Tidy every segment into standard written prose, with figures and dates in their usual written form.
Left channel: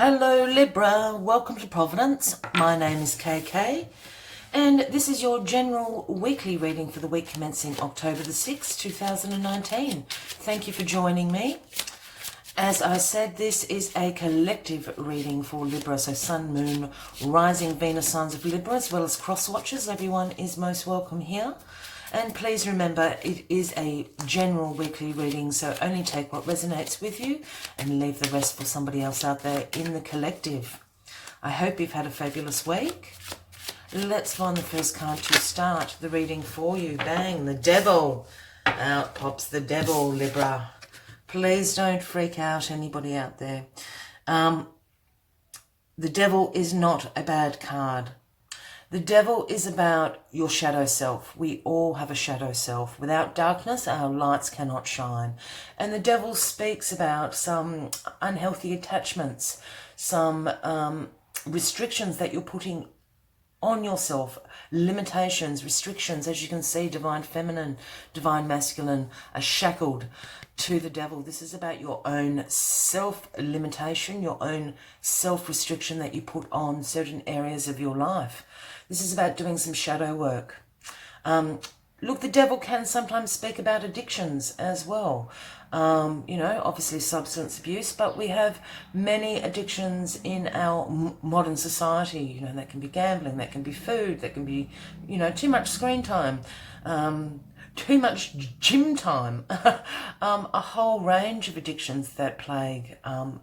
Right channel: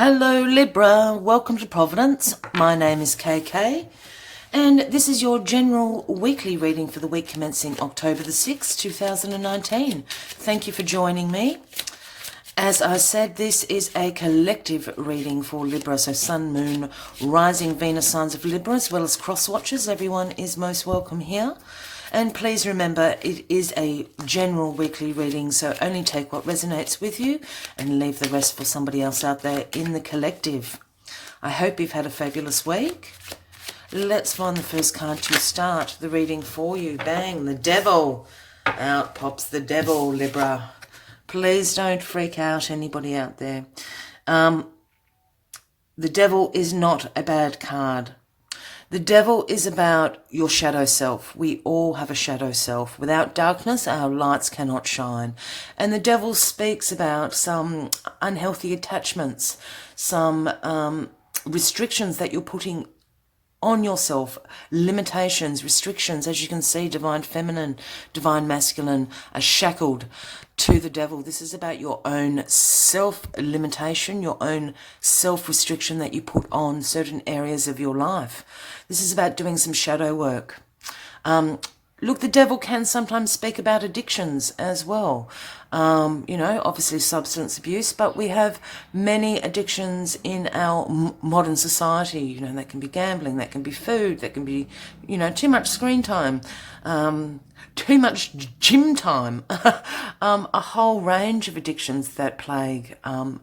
Hello Libra, welcome to Providence. My name is KK and this is your general weekly reading for the week commencing October the 6th, 2019. Thank you for joining me. As I said, this is a collective reading for Libra, so Sun, Moon, Rising, Venus signs of Libra, as well as cross watchers. Everyone is most welcome here. And please remember, it is a general weekly reading, so only take what resonates with you and leave the rest for somebody else out there in the collective. I hope you've had a fabulous week. Let's find the first card to start the reading for you. Bang, the devil. Out pops the devil, Libra. Please don't freak out, anybody out there. The devil is not a bad card. The devil is about your shadow self. We all have a shadow self. Without darkness, our lights cannot shine. And the devil speaks about some unhealthy attachments, some restrictions that you're putting on yourself, limitations, restrictions. As you can see, divine feminine, divine masculine are shackled to the devil. This is about your own self-limitation, your own self-restriction that you put on certain areas of your life. This is about doing some shadow work. Look, the devil can sometimes speak about addictions as well. Obviously substance abuse, but we have many addictions in our modern society. That can be gambling, that can be food, that can be, too much screen time, too much gym time, a whole range of addictions that plague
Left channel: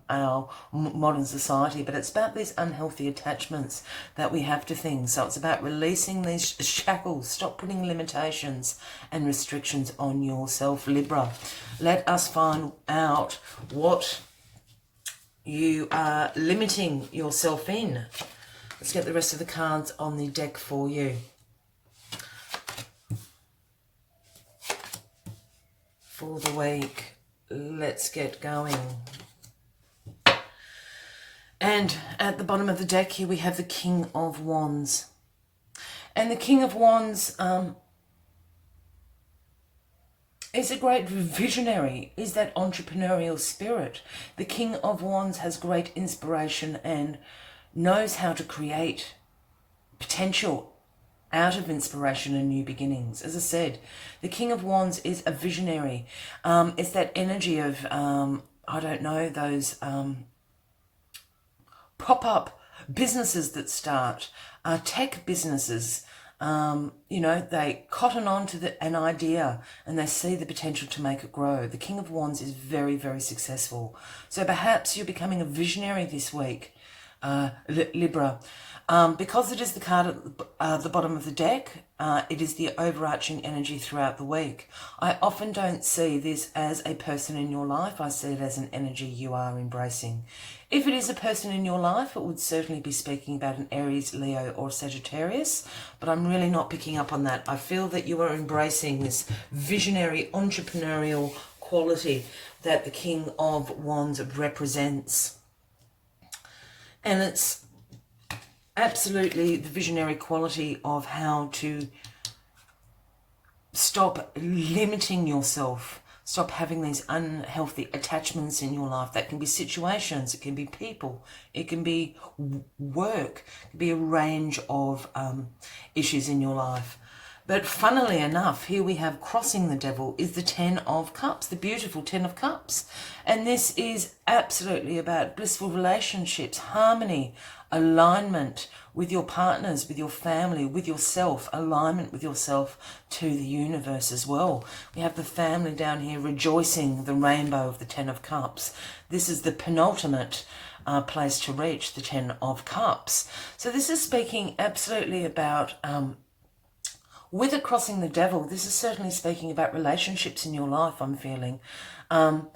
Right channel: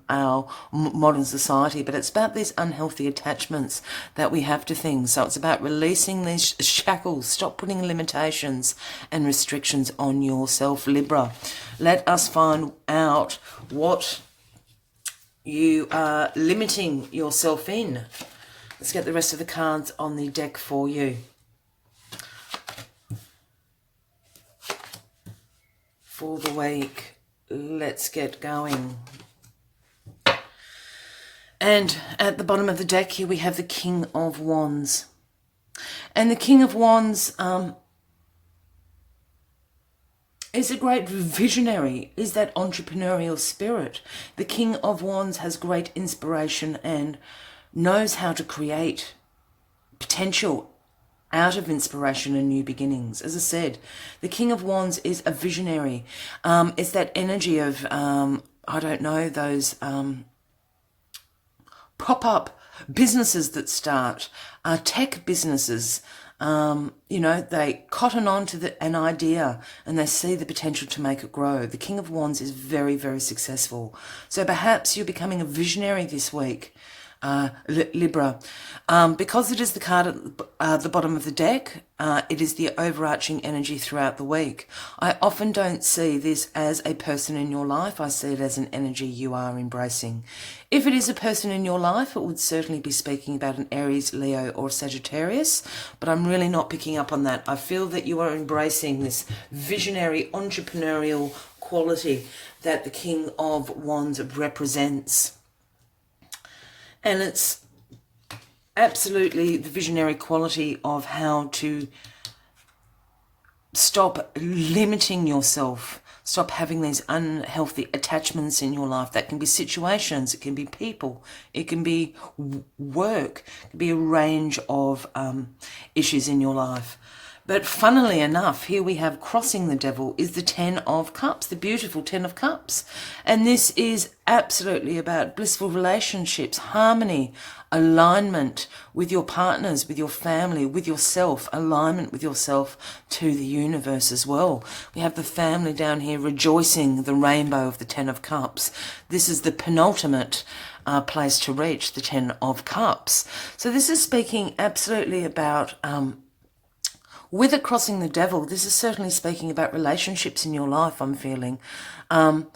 our modern society. But it's about these unhealthy attachments that we have to things. So it's about releasing these shackles. Stop putting limitations and restrictions on yourself, Libra. Let us find out what you are limiting yourself in. Let's get the rest of the cards on the deck for you. For the week, let's get going. And at the bottom of the deck here we have the King of Wands. And the King of Wands is a great visionary, is that entrepreneurial spirit. The King of Wands has great inspiration and knows how to create potential out of inspiration and new beginnings. As I said, the King of Wands is a visionary. It's that energy of, those pop-up businesses that start, tech businesses. They cotton on to an idea and they see the potential to make it grow. The King of Wands is very, very successful. So perhaps you're becoming a visionary this week, Libra. Because it is the card at the bottom of the deck, it is the overarching energy throughout the week. I often don't see this as a person in your life. I see it as an energy you are embracing. If it is a person in your life, it would certainly be speaking about an Aries, Leo or Sagittarius, but I'm really not picking up on that. I feel that you are embracing this visionary, entrepreneurial quality that the King of Wands represents. And it's absolutely the visionary quality of how to stop limiting yourself, stop having these unhealthy attachments in your life. That can be situations, it can be people, it can be work, it can be a range of issues in your life. But funnily enough, here we have crossing the devil is the 10 of Cups, the beautiful 10 of Cups. And this is absolutely about blissful relationships, harmony, alignment with your partners, with your family, with yourself, alignment with yourself to the universe as well. We have the family down here rejoicing the rainbow of the 10 of Cups. This is the penultimate place to reach, the 10 of Cups. So this is speaking absolutely about with it crossing the devil, this is certainly speaking about relationships in your life, I'm feeling. And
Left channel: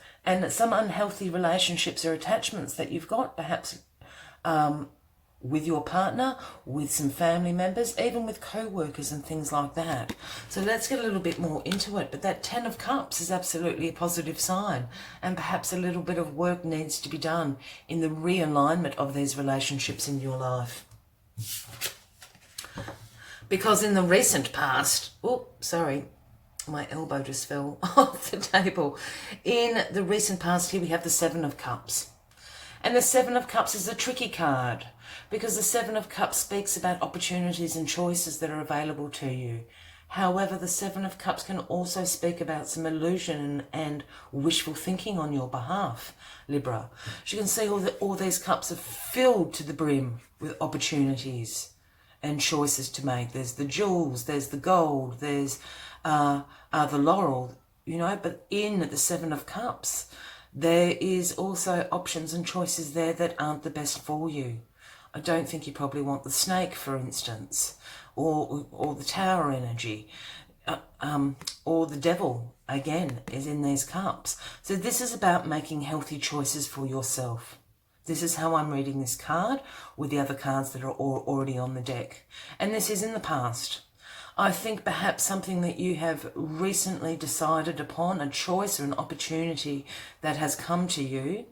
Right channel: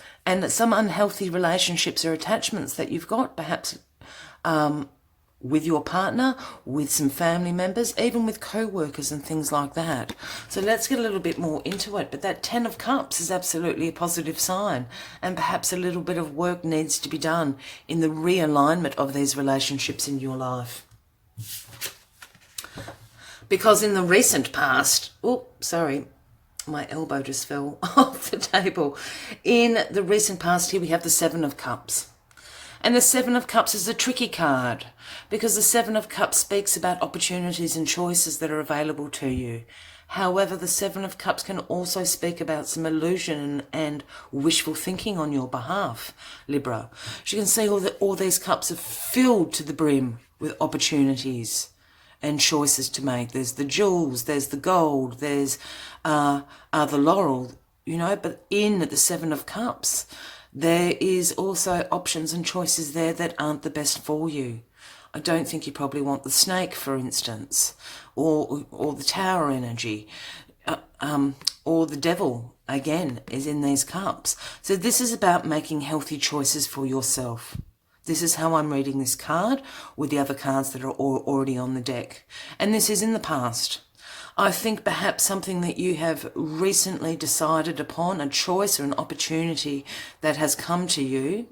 some unhealthy relationships or attachments that you've got, perhaps with your partner, with some family members, even with co-workers and things like that. So let's get a little bit more into it. But that 10 of Cups is absolutely a positive sign. And perhaps a little bit of work needs to be done in the realignment of these relationships in your life. Because in the recent past, my elbow just fell off the table. In the recent past here we have the 7 of Cups. And the Seven of Cups is a tricky card because the Seven of Cups speaks about opportunities and choices that are available to you. However, the Seven of Cups can also speak about some illusion and wishful thinking on your behalf, Libra. As you can see, all these cups are filled to the brim with opportunities and choices to make. There's the jewels, there's the gold, there's the laurel, you know, but in the Seven of Cups, there is also options and choices there that aren't the best for you. I don't think you probably want the snake, for instance, or the tower energy, or the devil, again, is in these cups. So this is about making healthy choices for yourself. This is how I'm reading this card with the other cards that are already on the deck. And this is in the past. I think perhaps something that you have recently decided upon, a choice or an opportunity that has come to you,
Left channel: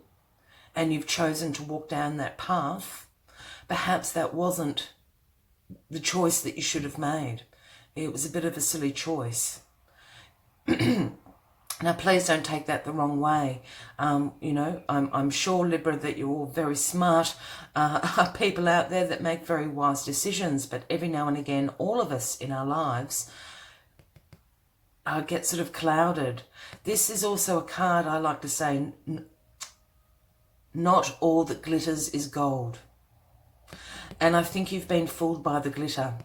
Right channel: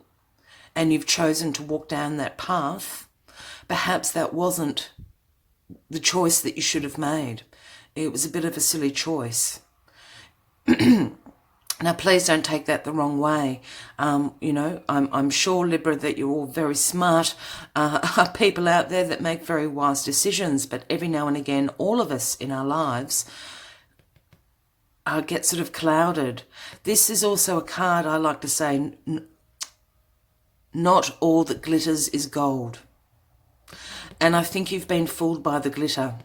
and you've chosen to walk down that path. Perhaps that wasn't the choice that you should have made. It was a bit of a silly choice. Now, please don't take that the wrong way. You know, I'm sure, Libra, that you're all very smart people out there that make very wise decisions. But every now and again, all of us in our lives get sort of clouded. This is also a card, I like to say, not all that glitters is gold. And I think you've been fooled by the glitter.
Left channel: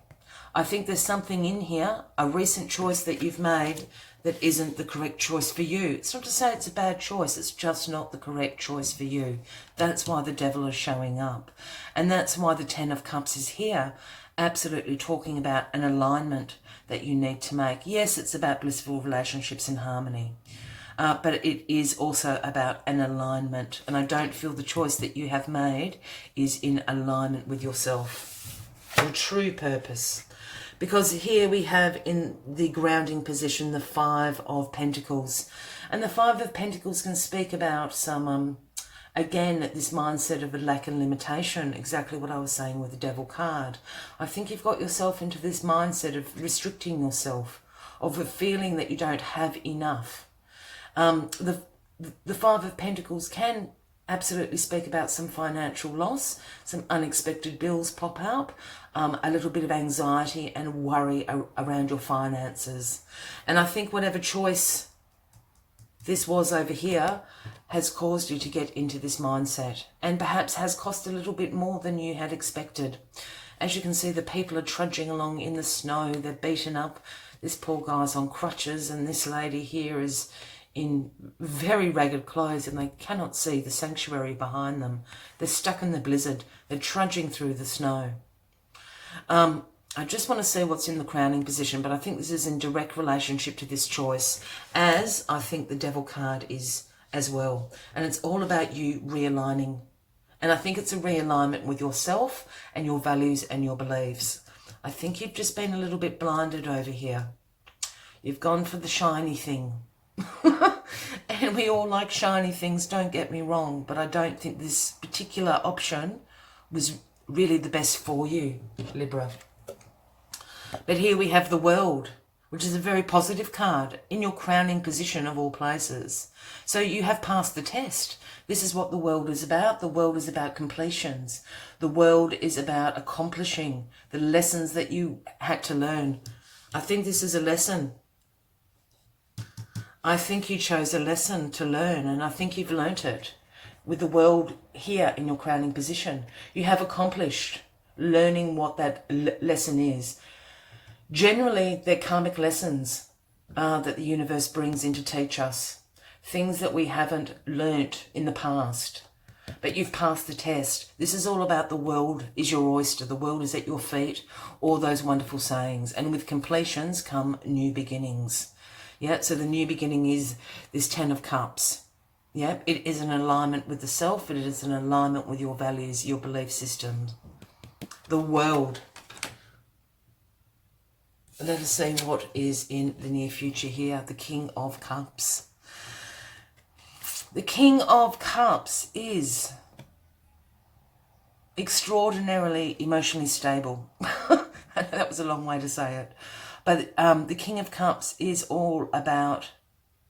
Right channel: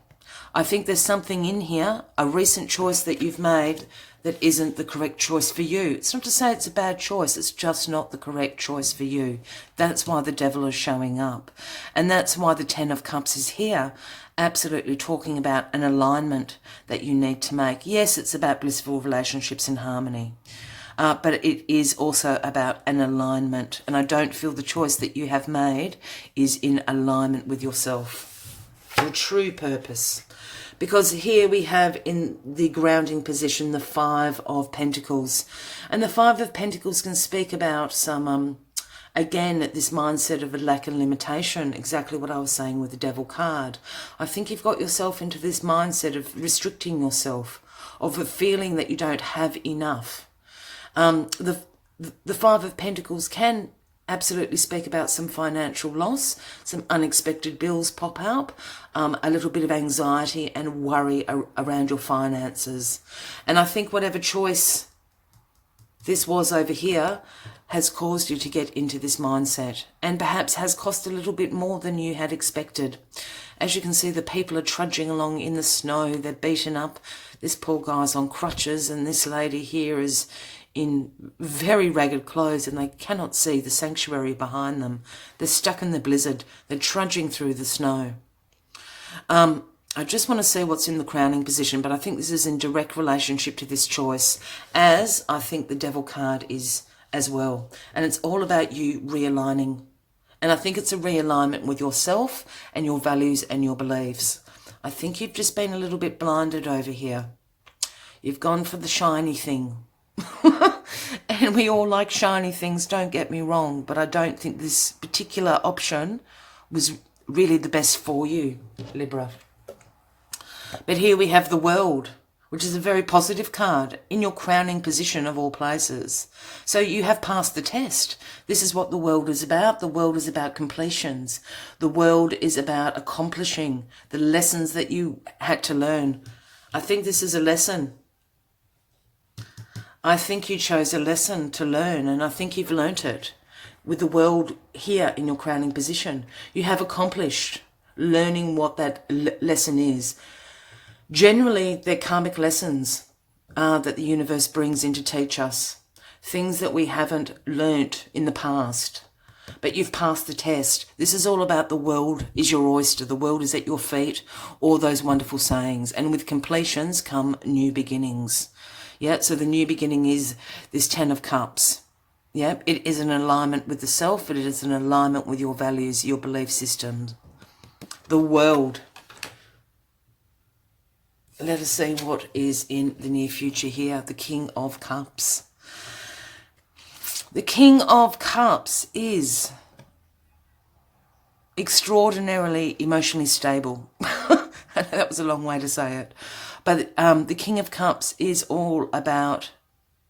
I think there's something in here, a recent choice that you've made that isn't the correct choice for you. It's not to say it's a bad choice, it's just not the correct choice for you. That's why the devil is showing up. And that's why the Ten of Cups is here, absolutely talking about an alignment that you need to make. Yes, it's about blissful relationships and harmony. But it is also about an alignment. And I don't feel the choice that you have made is in alignment with yourself, your true purpose. Because here we have in the grounding position the Five of Pentacles. And the Five of Pentacles can speak about some, again, this mindset of a lack and limitation, exactly what I was saying with the Devil card. I think you've got yourself into this mindset of restricting yourself, of a feeling that you don't have enough. The Five of Pentacles can absolutely speak about some financial loss, some unexpected bills pop up, a little bit of anxiety and worry around your finances. And I think whatever choice this was over here has caused you to get into this mindset, and perhaps has cost a little bit more than you had expected. As you can see, the people are trudging along in the snow. They're beaten up. This poor guy's on crutches, and this lady here is in very ragged clothes, and they cannot see the sanctuary behind them. They're stuck in the blizzard. They're trudging through the snow. I just want to see what's in the crowning position, but I think this is in direct relationship to this choice, as I think the Devil card is as well. And it's all about you realigning. And I think it's a realignment with yourself and your values and your beliefs. I think you've just been a little bit blinded over here. You've gone for the shiny thing. And we all like shiny things, don't get me wrong, but I don't think this particular option was really the best for you, Libra. But here we have the World, which is a very positive card in your crowning position of all places. So you have passed the test. This is what the World is about. The World is about completions. The World is about accomplishing the lessons that you had to learn. I think this is a lesson. I think you chose a lesson to learn, and I think you've learnt it. With the World here in your crowning position, you have accomplished learning what that lesson is. Generally, they're karmic lessons that the universe brings in to teach us. Things that we haven't learnt in the past. But you've passed the test. This is all about the world is your oyster. The world is at your feet. All those wonderful sayings. And with completions come new beginnings. Yeah, so the new beginning is this Ten of Cups. Yeah, it is an alignment with the self. It is an alignment with your values, your belief system. The World. Let us see what is in the near future here. The King of Cups. The King of Cups is extraordinarily emotionally stable. That was a long way to say it. But the King of Cups is all about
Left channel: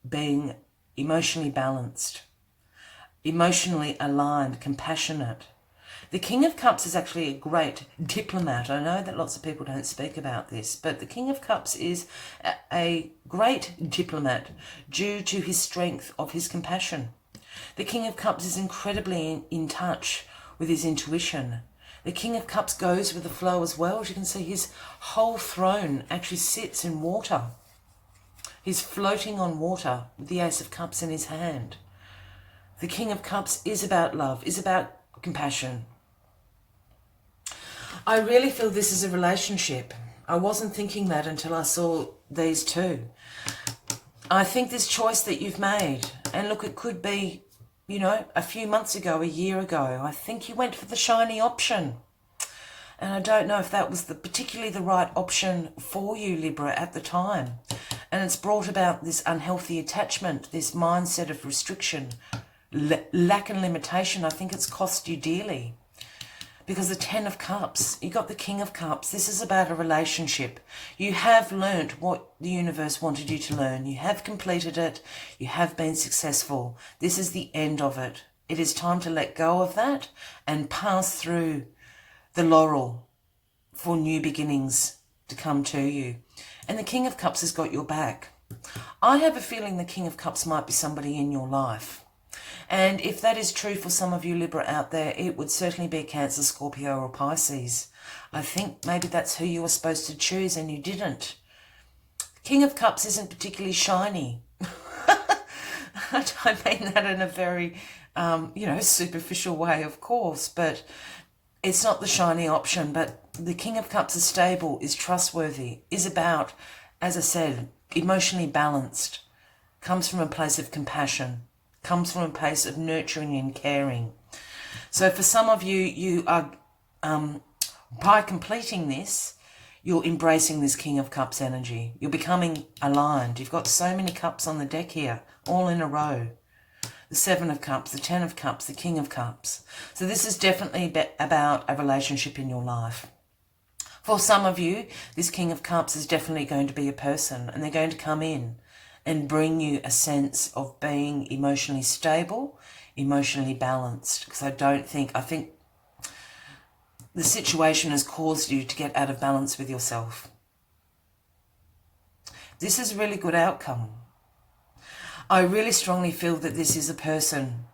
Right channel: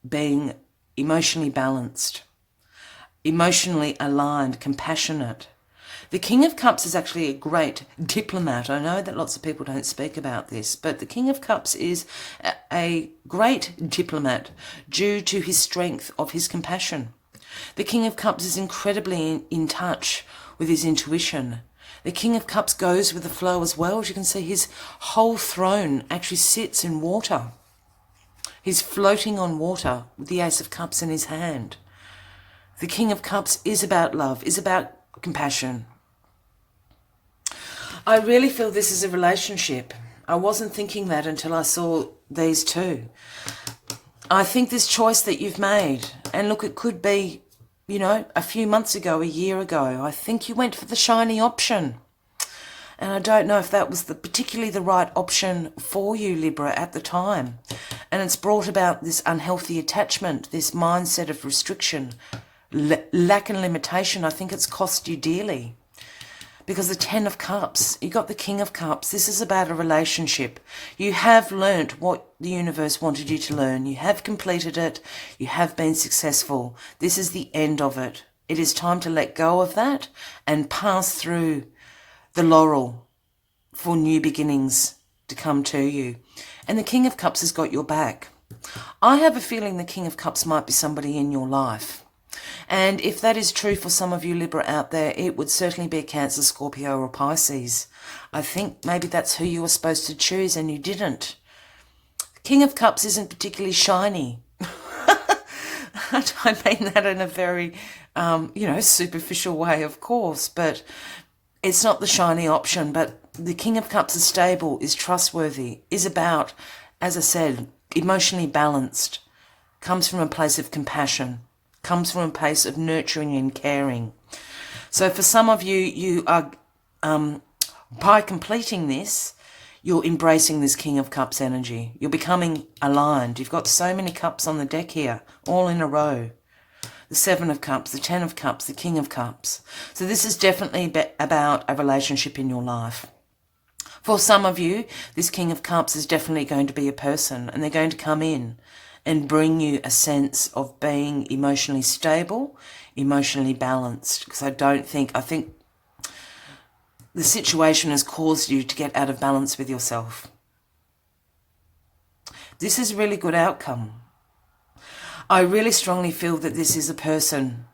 being emotionally balanced. emotionally aligned, compassionate. The King of Cups is actually a great diplomat. I know that lots of people don't speak about this, but the King of Cups is a great diplomat due to his strength of his compassion. The King of Cups is incredibly in touch with his intuition. The King of Cups goes with the flow as well. As you can see, his whole throne actually sits in water. He's floating on water with the Ace of Cups in his hand. The King of Cups is about love, is about compassion. I really feel this is a relationship. I wasn't thinking that until I saw these two. I think this choice that you've made, and look, it could be, you know, a few months ago, a year ago, I think you went for the shiny option. And I don't know if that was particularly the right option for you, Libra, at the time. And it's brought about this unhealthy attachment, this mindset of restriction, lack and limitation. I think it's cost you dearly. Because the Ten of Cups, you got the King of Cups. This is about a relationship. You have learnt what the universe wanted you to learn. You have completed it. You have been successful. This is the end of it. It is time to let go of that and pass through the laurel for new beginnings to come to you. And the King of Cups has got your back. I have a feeling the King of Cups might be somebody in your life. And if that is true for some of you Libra out there, it would certainly be a Cancer, Scorpio or Pisces. I think maybe that's who you were supposed to choose and you didn't. King of Cups isn't particularly shiny. I mean that in a very, superficial way, of course, but it's not the shiny option. But the King of Cups is stable, is trustworthy, is about, as I said, emotionally balanced, comes from a place of compassion, comes from a place of nurturing and caring. So for some of you, you are, by completing this, you're embracing this King of Cups energy. You're becoming aligned. You've got so many cups on the deck here, all in a row. The Seven of Cups, the Ten of Cups, the King of Cups. So this is definitely about a relationship in your life. For some of you, this King of Cups is definitely going to be a person, and they're going to come in and bring you a sense of being emotionally stable, emotionally balanced. Because I think the situation has caused you to get out of balance with yourself. This is a really good outcome. I really strongly feel that this is a person,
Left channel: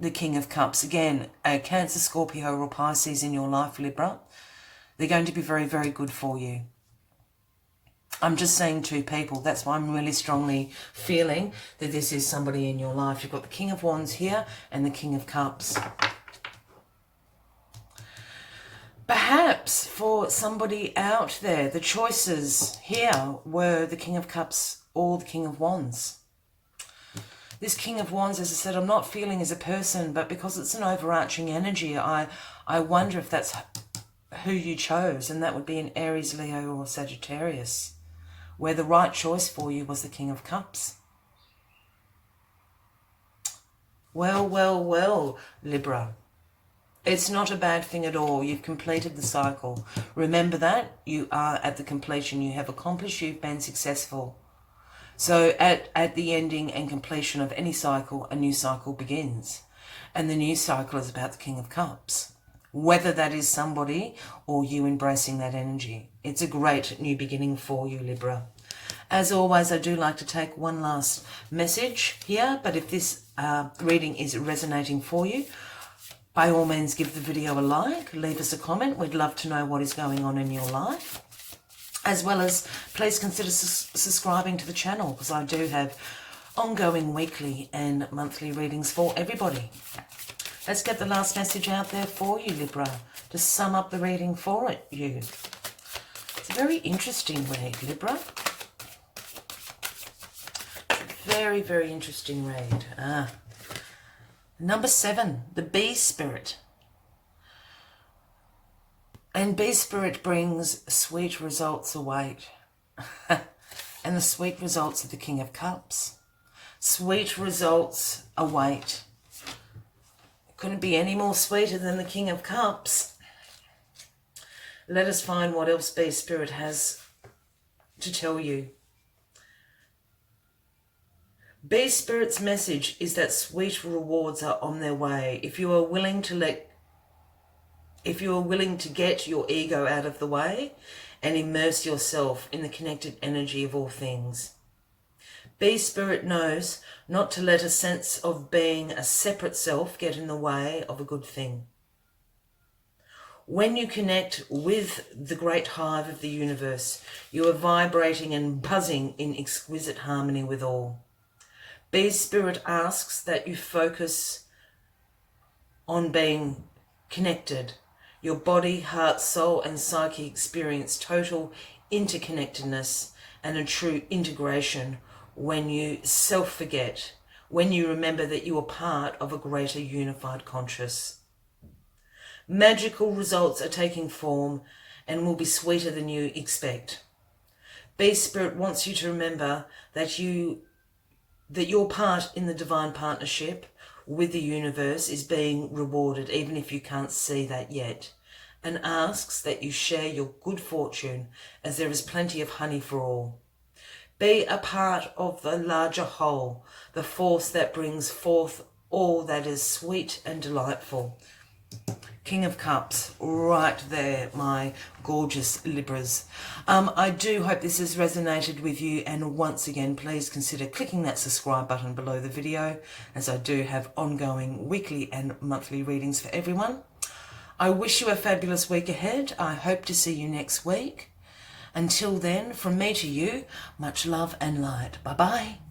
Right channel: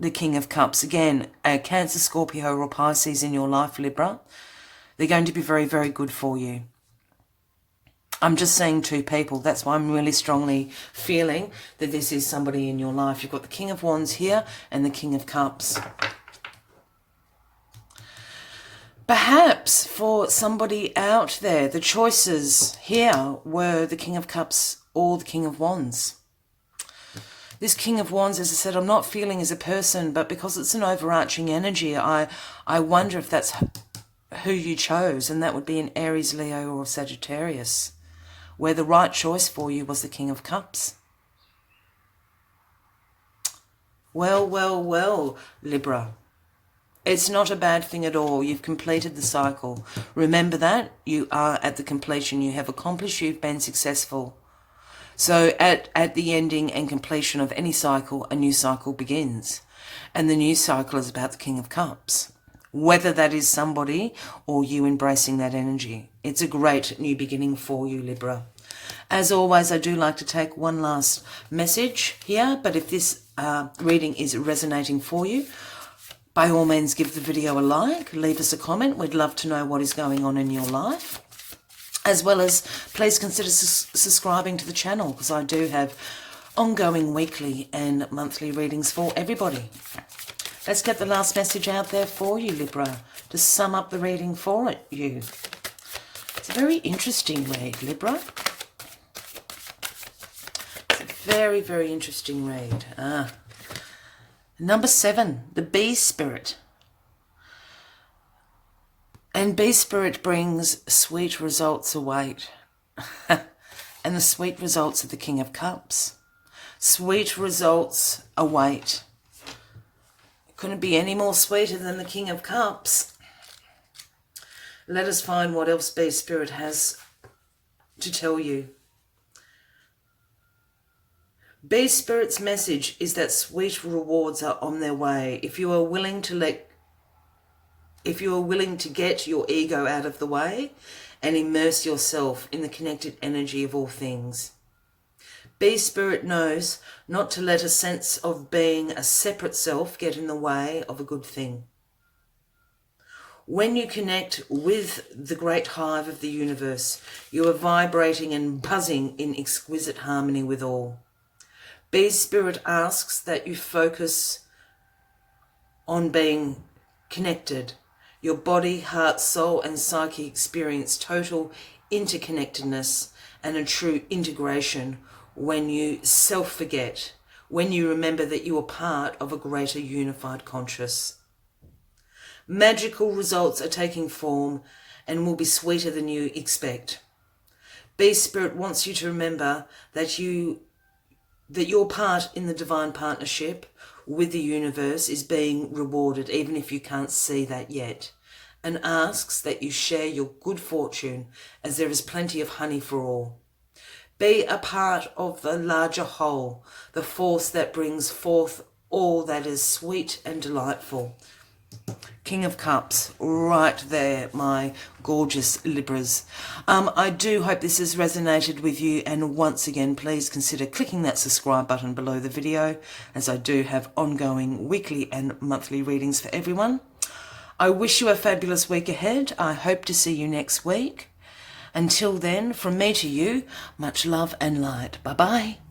the King of Cups. Again, a Cancer, Scorpio or Pisces in your life, Libra. They're going to be very, very good for you. I'm just seeing two people. That's why I'm really strongly feeling that this is somebody in your life. You've got the King of Wands here and the King of Cups. Perhaps for somebody out there, the choices here were the King of Cups or the King of Wands. This King of Wands, as I said, I'm not feeling as a person, but because it's an overarching energy, I wonder if that's who you chose, and that would be an Aries, Leo or Sagittarius, where the right choice for you was the King of Cups. Well, Libra. It's not a bad thing at all. You've completed the cycle. Remember that. You are at the completion. You have accomplished. You've been successful. So at the ending and completion of any cycle, a new cycle begins. And the new cycle is about the King of Cups. Whether that is somebody or you embracing that energy. It's a great new beginning for you, Libra. As always, I do like to take one last message here, but if this reading is resonating for you, by all means give the video a like, leave us a comment. We'd love to know what is going on in your life. As well as please consider subscribing to the channel, because I do have ongoing weekly and monthly readings for everybody. Let's get the last message out there for you, Libra, to sum up the reading for you. It's a very interesting read, Libra. It's a very, very interesting read. Number 7, the Bee Spirit. And Bee Spirit brings sweet results await. And the sweet results of the King of Cups. Sweet results await. Couldn't be any more sweeter than the King of Cups. Let us find what else Bee Spirit has to tell you. B Spirit's message is that sweet rewards are on their way. If you are willing to get your ego out of the way and immerse yourself in the connected energy of all things. B Spirit knows not to let a sense of being a separate self get in the way of a good thing. When you connect with the great hive of the universe, you are vibrating and buzzing in exquisite harmony with all. B Spirit asks that you focus on being connected. Your body, heart, soul and psyche experience total interconnectedness and a true integration when you self-forget, when you remember that you are part of a greater unified conscious. Magical results are taking form and will be sweeter than you expect. B Spirit wants you to remember that your part in the divine partnership with the universe is being rewarded, even if you can't see that yet, and asks that you share your good fortune, as there is plenty of honey for all. Be a part of the larger whole, the force that brings forth all that is sweet and delightful. King of Cups, right there, my gorgeous Libras. I do hope this has resonated with you, and once again, please consider clicking that subscribe button below the video, as I do have ongoing weekly and monthly readings for everyone. I wish you a fabulous week ahead. I hope to see you next week. Until then, from me to you, much love and light. Bye-bye.